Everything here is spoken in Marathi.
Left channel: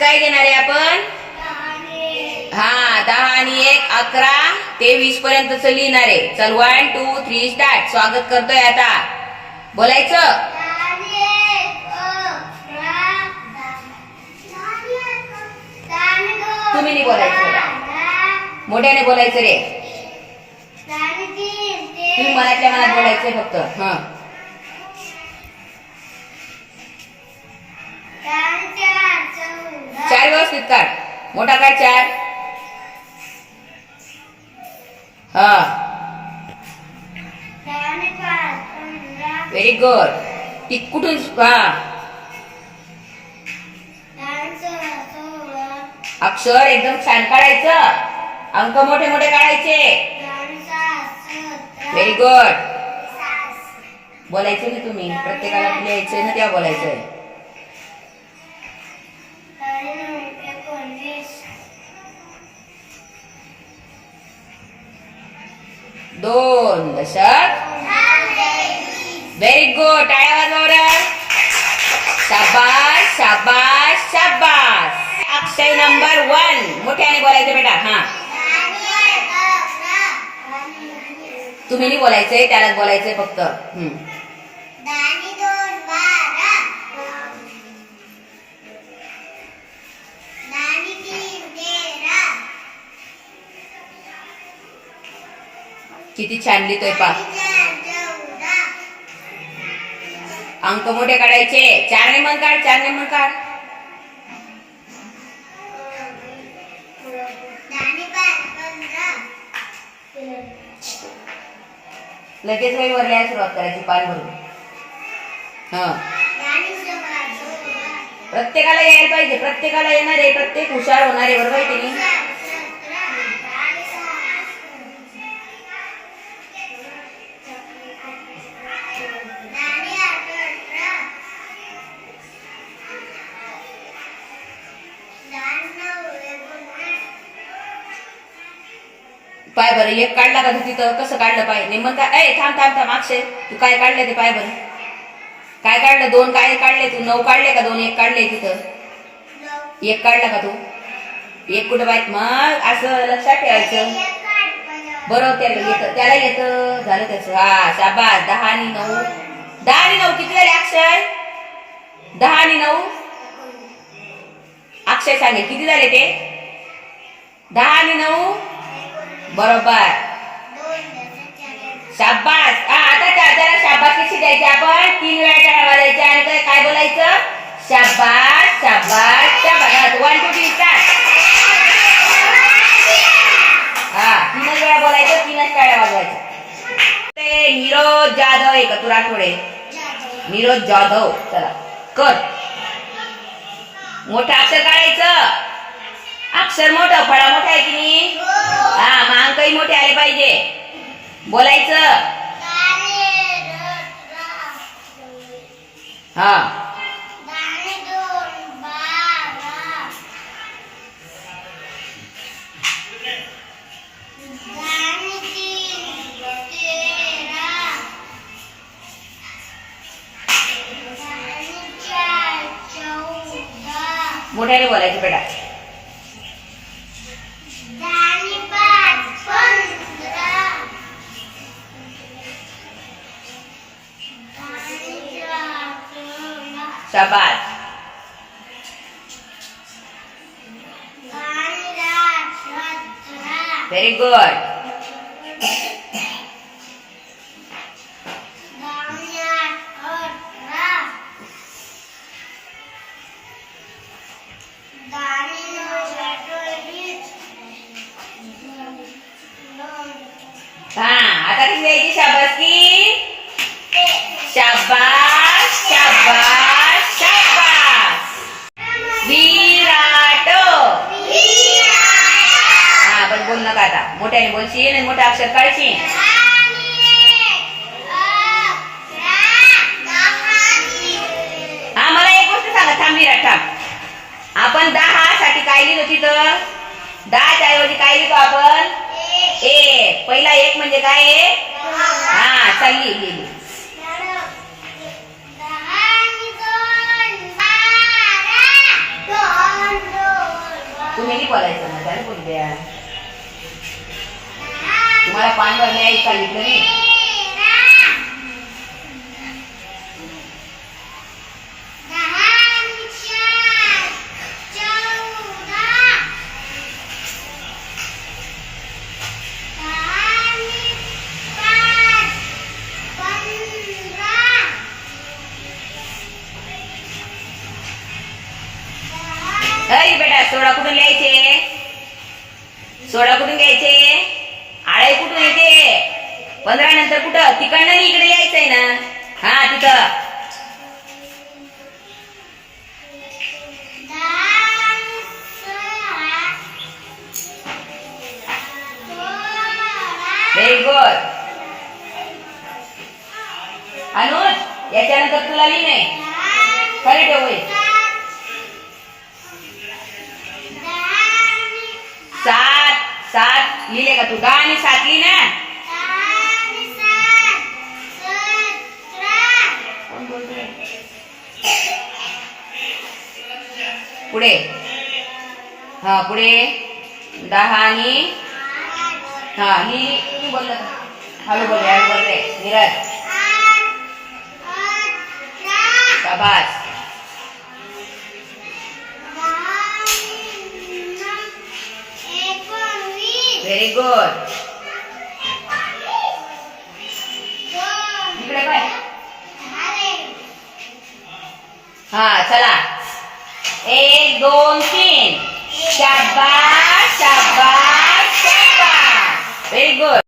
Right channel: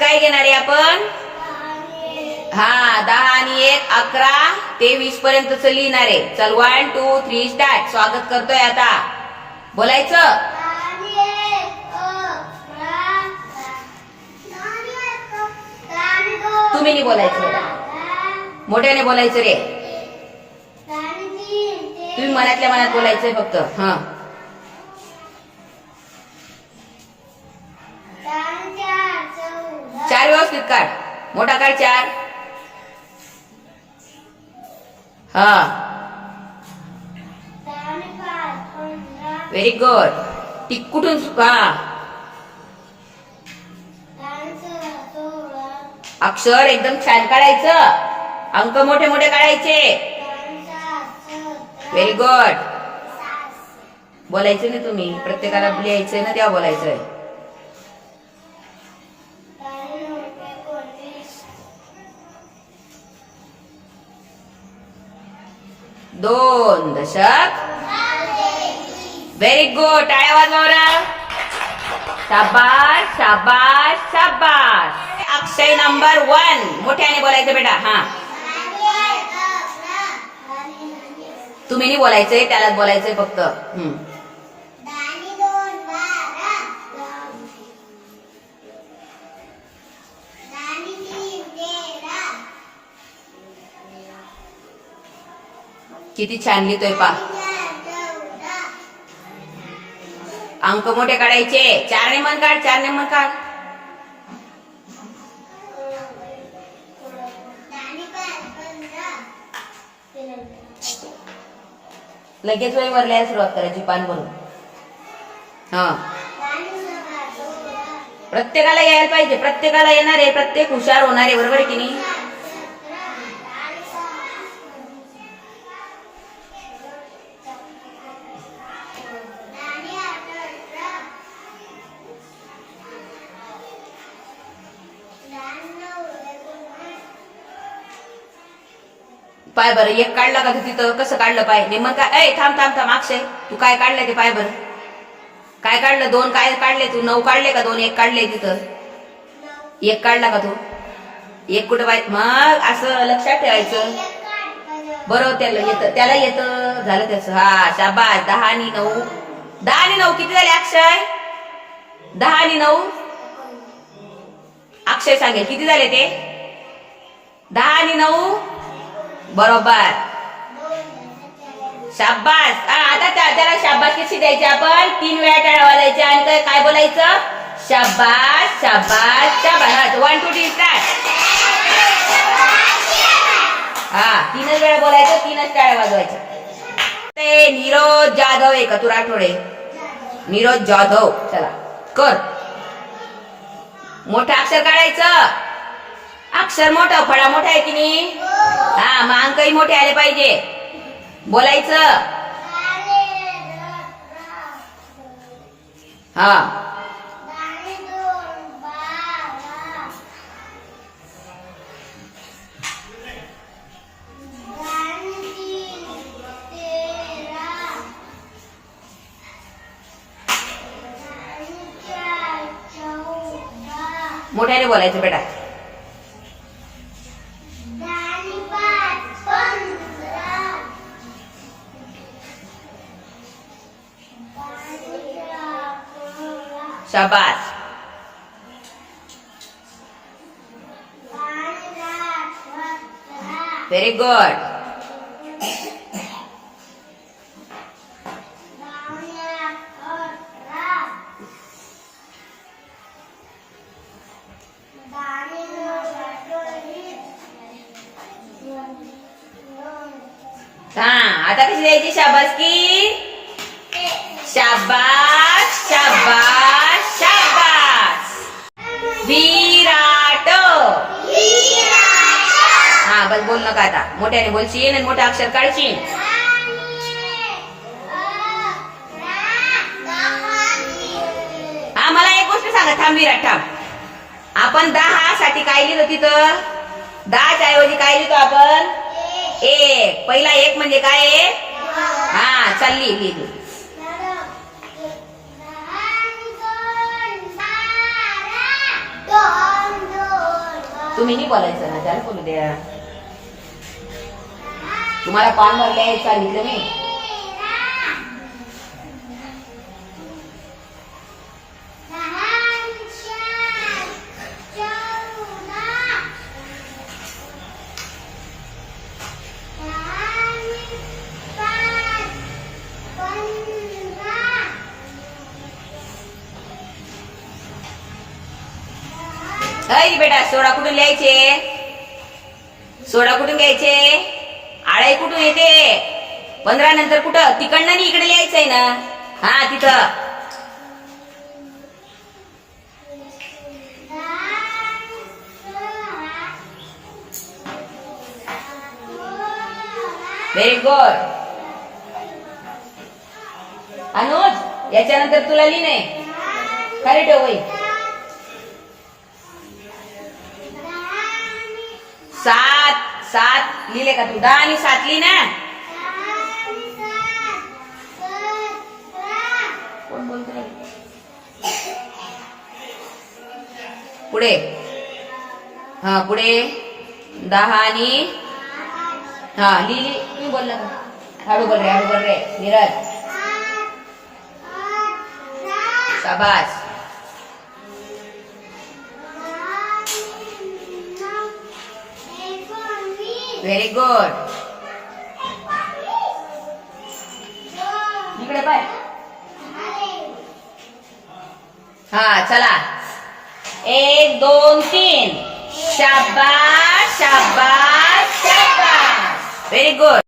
काय घेणार आहे आपण? हा दहा आणि एक अकरा ते वीस पर्यंतच लिहिणार आहे. चल वन टू थ्री स्टार्ट स्वागत करतोय आता. बोलायचं? तुम्ही नाही बोलायचं मोठ्याने बोलायचं रे. तुम्ही मनातल्या मनात बोलायचंय फक्त. हा. चार व्यवस्थित काढ मोठा काय चार. हा. व्हेरी गुड टिक कुठून हा. अक्षर एकदम छान काढायचं. अंक मोठे मोठे काढायचे. व्हेरी गुड बोलायचं ना तुम्ही? प्रत्येकाला लिहायचंय ना तेव्हा बोलायचंय. दोन दशक. व्हेरी गुड टाळ्या वाजवा शाबास शाबास शाबास. अक्षय नंबर वन मोठ्याने बोलायचं बेटा हा. तुम्ही नाही बोलायचंय त्यालाच बोलायचंय फक्त. हम्म. किती छान लिहितोय पा. अंक मोठे काढायचे. चार नेमन काढ चार नेमन काढ. लगेच वय वर लिहायला सुरुवात करायची पान भरून. हा. प्रत्येकाला यायला पाहिजे. प्रत्येकाला येणार आहे प्रत्येक हुशार होणार आहे बरोबर आहे की नाही? पाय बरं एक काढला का तू तिथं? कसं काढलं पाय? नेमन काय ए थांब थांब थांब अक्षय तू काय काढलं ते पाय बरं? काय काढलं? दोन काय काढले तू? नऊ काढले का दोन? एक काढले तिथं. एक काढला का तू? एक कुठं पाय मग असं लक्षात ठेवायचं. बरोबर त्याला येतं. त्याला येतं. झालं त्याचं. हा शाबास. दहा आणि नऊ. दहा आणि नऊ किती झाले अक्षय? दहा आणि नऊ? अक्षय सांगेल. किती झाले ते? दहा आणि नऊ? बरोबर. शाबास. आता त्याला शाबास कशी द्यायची आपण. तीन वेळा टाळा वाजायच्या आणि काय काय बोलायचं? शाबास शाबास शाबास. वन टू थ्री स्टार्ट हा तीनच वेळा बोलायचं तीनच टाळ्या वाजवायचं. ते नीरज जाधव आहे का तू राठोडे नीरज जाधव. चला कर. मोठं अक्षर काढायचं. अक्षर मोठं फळा मोठा आहे की नाही? हा मग अंकही मोठे आले पाहिजे. बोलायचं. हा. मोठ्याने बोलायचं बेटा. शाबास व्हेरी गुड हा आता कशी द्यायची शाबास विराट! हा बस बोल नका आता. मोठ्याने बोलशील आणि मोठे अक्षर काढशील. हा मला एक गोष्ट सांगा थांब विराट थांब. आपण दहा साठी काय लिहिलं तिथं? दहाच्या ऐवजी काय लिहितो आपण? एक. पहिला एक म्हणजे काय? हा चालली लिहिली. तुम्ही बोलायचं ना? त्याला कोणी द्या. तुम्हाला पान भरले सांगितलं मी सोडा कुठून लिहायचे सोडा कुठून घ्यायचे? आळाई कुठून येते? पंधरा नंतर कुठं? तिकडनं नाही इकडे लिहायचंय ना? हा तिथं. व्हेरी गुड अनुज याच्यानंतर तुला लिहिणे खरी ठेव सात सात लिहिले का तू? दहा आणि सात लिहि ना. पुढे. हा पुढे. दहा आणि हा लिहिली तुम्ही बोलला हळू बोलले हळू बोलते नीरज. शाबास. व्हेरी गुड इकडे पाय. हा चला. एक दोन तीन. शाबा शाबा शाबा व्हेरी गुड